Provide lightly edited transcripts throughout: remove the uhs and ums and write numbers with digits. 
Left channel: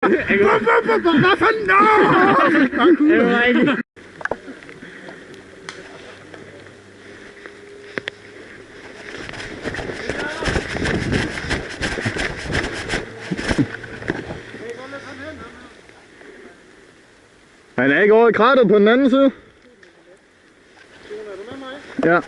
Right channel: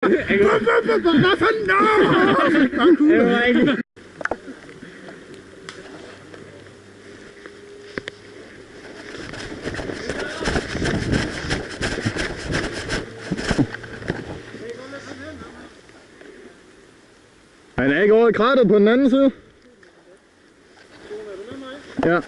Hvad fanden? Han er ikke over i krateret på den anden side. Ja.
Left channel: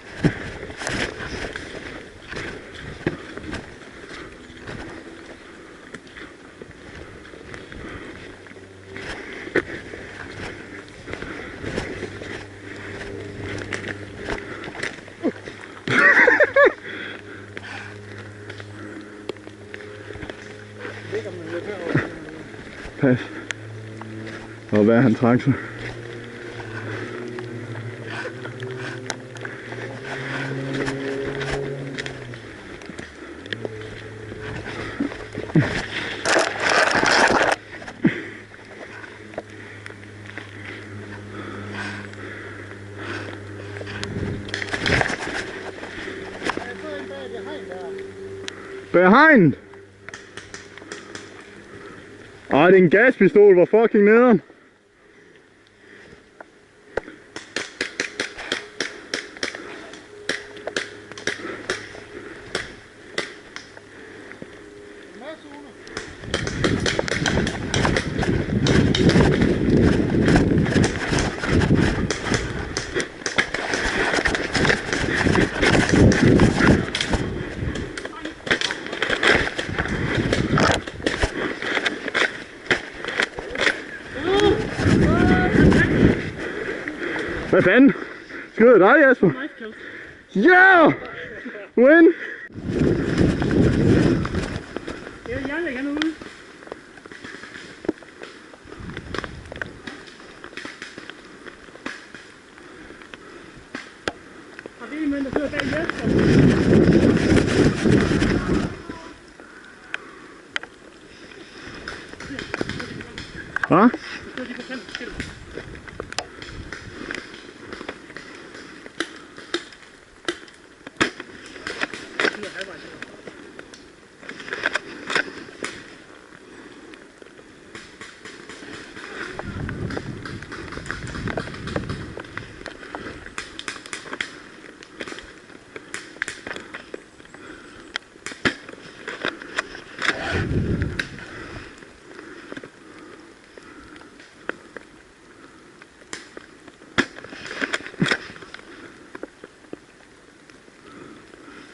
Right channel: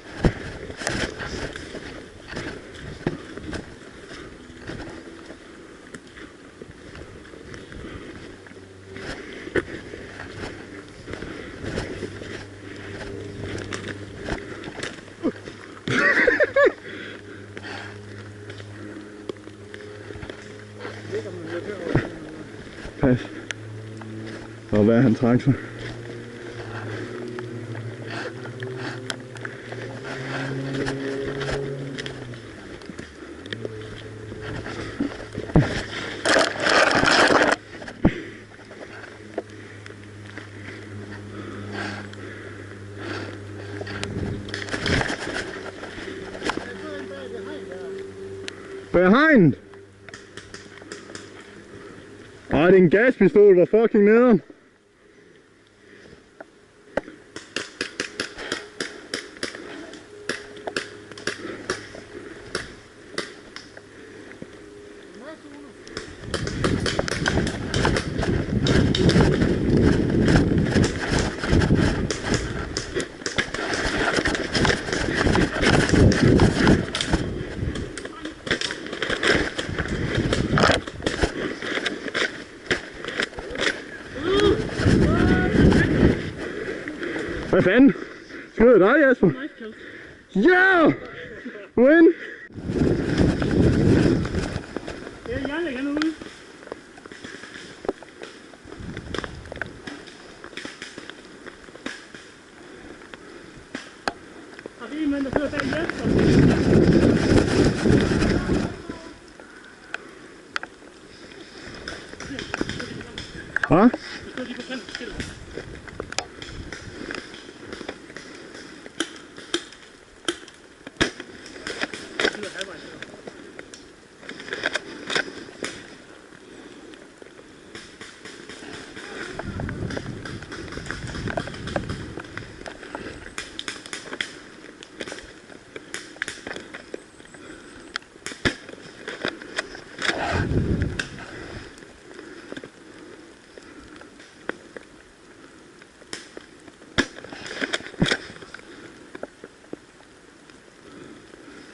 Pas. Og hvad han trak sig. Behind! Ej, det er en gaspistol, hvor fucking nederen. Hvad fanden? Skyder dig, Jasper? Ja! Win! Jeg lægger nu ud. Har vi en mand, der sidder bag Jasper? Hvad?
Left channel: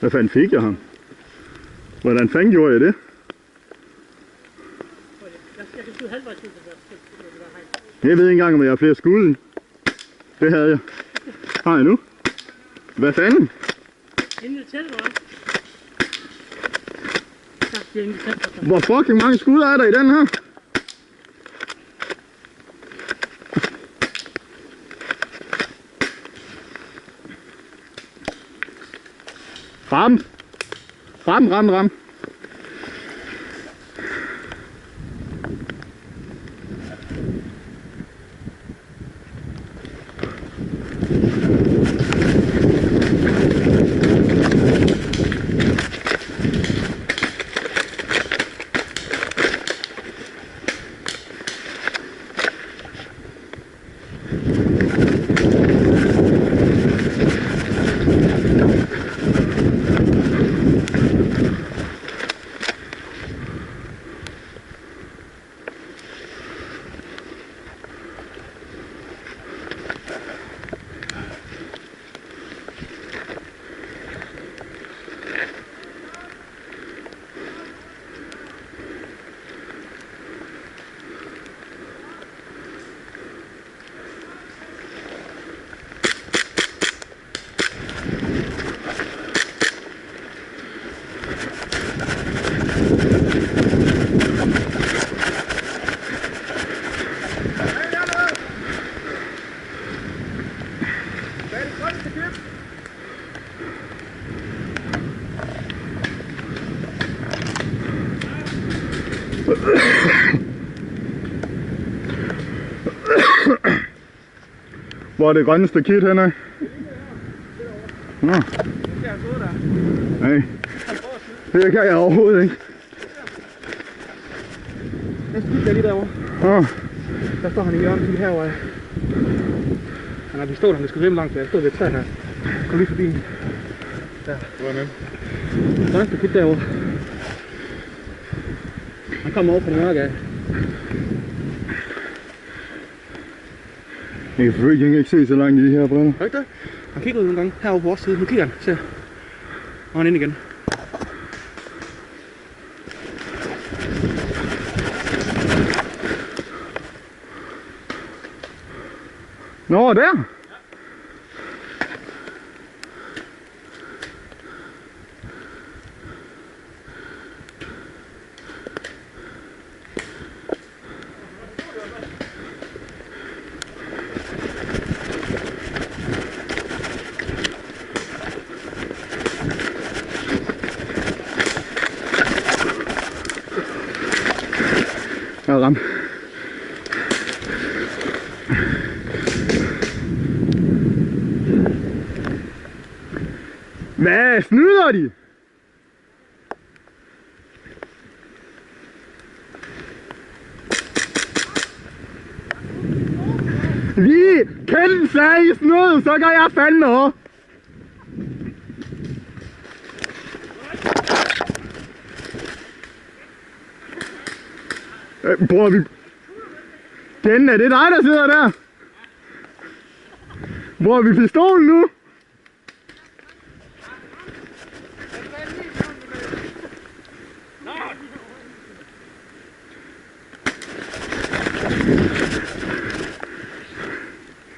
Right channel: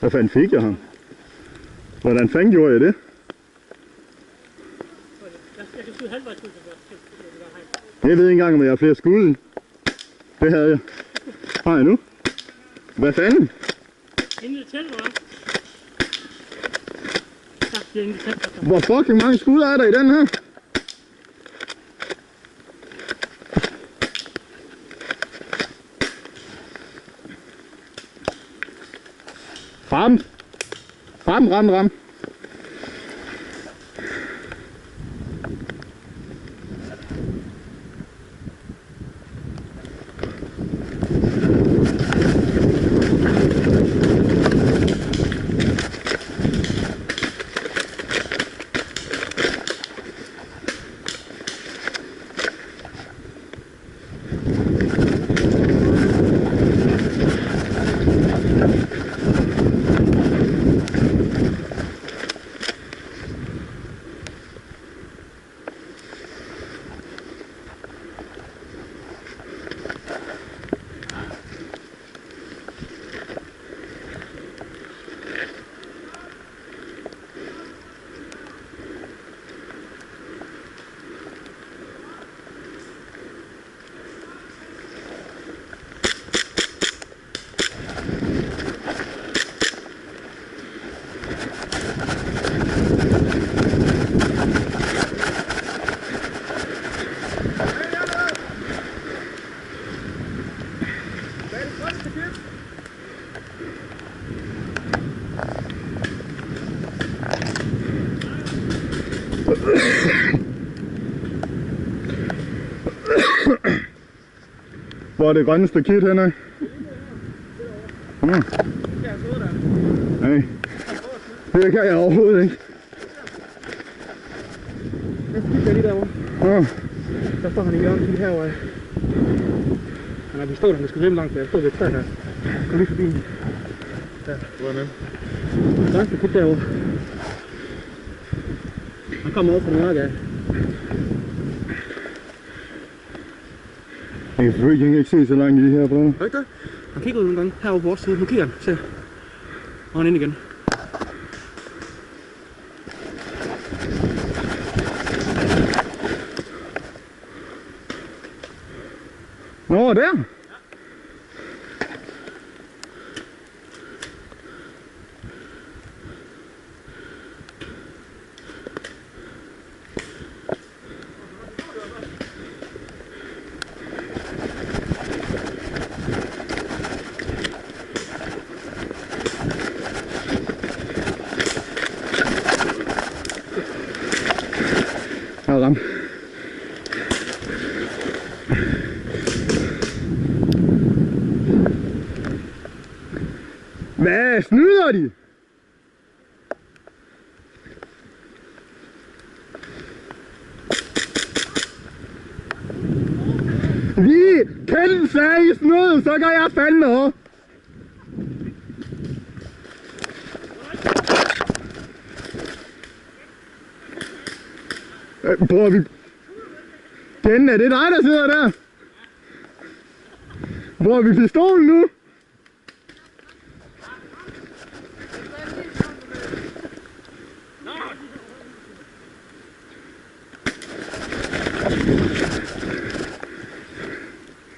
Hvad fanden fik jeg ham? Hvordan fanden gjorde jeg det? Jeg kan skyde halvvejs ud, Jeg ved ikke engang, om jeg har flere skud i. Det havde jeg. Har jeg nu? Hvad fanden? Inden det tæller, hva'? Ja, det er inden det tæller. Hvor fucking mange skud er der i den her? Ram! Ram! Hvor er det grønne stakit henne? Nej. Det kan jeg overhovedet ikke. det skylder jeg lige derovre. Åh. Der står han i hjørnet lige herovre. Han har pistolen, han skal svømme langt, så jeg står ved et træ her. Kom lige forbi. Der. Hvor er han? Der er en kit derovre. Han kommer over fra den mørke af. Jeg kan selvfølgelig ikke se så langt i de her briller. Højt der. Han kigger ud nogle gange herovre på vores side. Nu kigger han. Se. Og han ind igen. Nå, der! Jeg er ramt. Hvad snyder de? Vi kan sige snyd, så gør jeg fandme over. Bruger vi... Ken, er det dig, der sidder der? Bruger vi pistolen nu?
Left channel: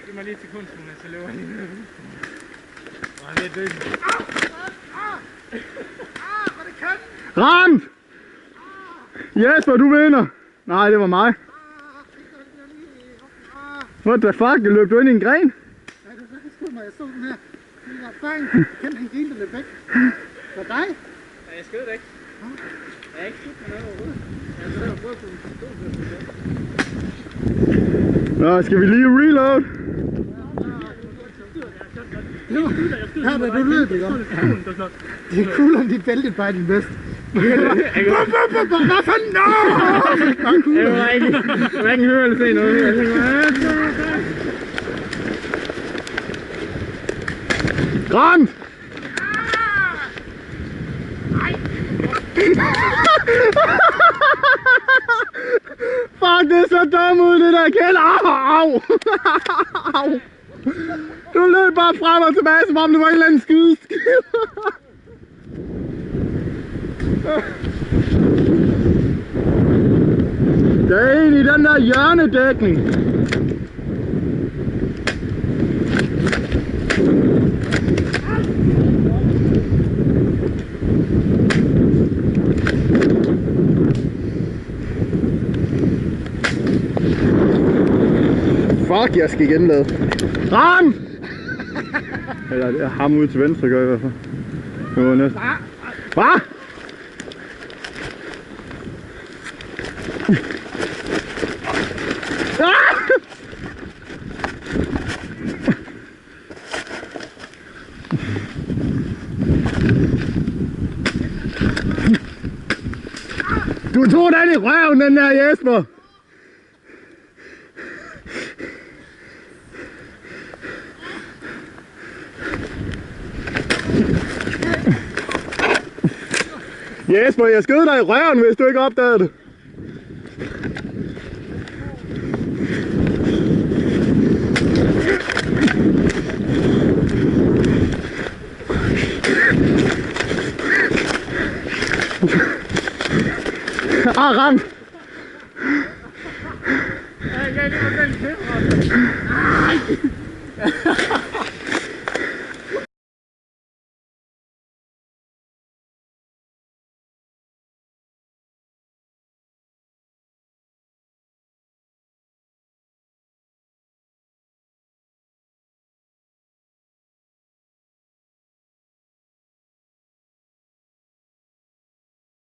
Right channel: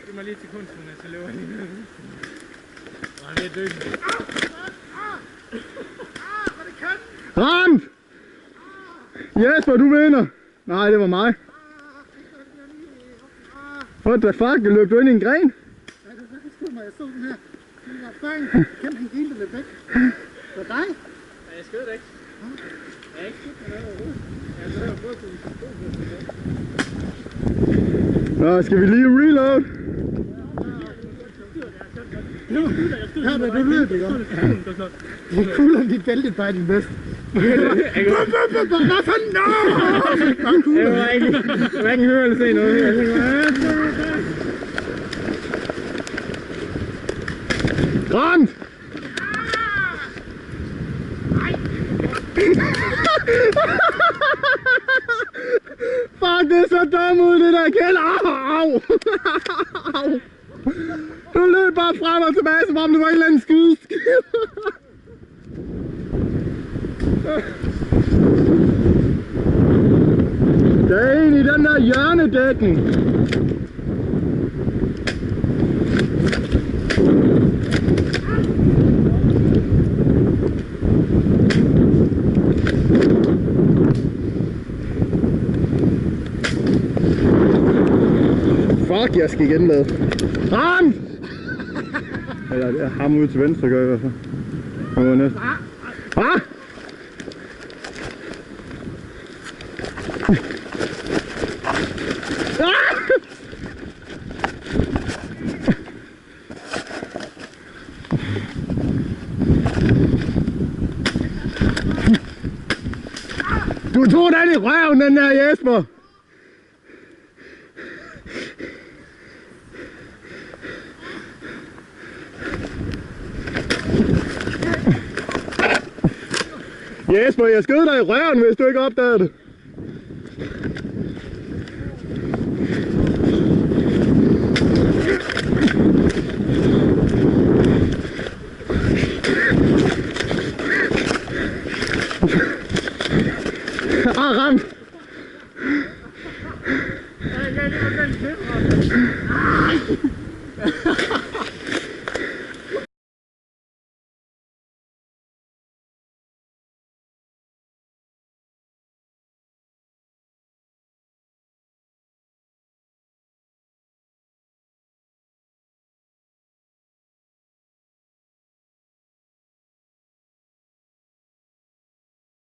Giv mig lige et sekund, så løber jeg lige ned. Han er død. Ramt! Jesper, du vinder! Nej, det var mig. What the fuck? Løb du ind i en gren? Ja, det skød mig. Jeg så den her. Den var bang. Kent, han grinte lidt væk. For dig? Ja, jeg skød det ikke. Jeg er ikke skudt med noget overhovedet. Jeg har så prøvet på en pistol. Nå, skal vi lige reload? Nu, her er du løb, ikke? Det er cool, om dit bælte bare din bedste. Hvad fanden? Nå! Jeg var ikke høre eller se noget. Jeg tænkte Ramt! Fuck, det er så dumt ud, det der Kjeld. Au! Au! Du løb bare frem og tilbage, som om det var en eller anden skydeskid. Der er en i den der hjørnedækning. Fuck, jeg skal igen lade. Ram! Eller det er ham ude til venstre, gør jeg i hvert fald. Det var næsten. Ah! Du tog den i røven, den der Jesper! Jesper, jeg skød dig i røven, hvis du ikke opdagede det. Ramt! Jeg kan lige få den til.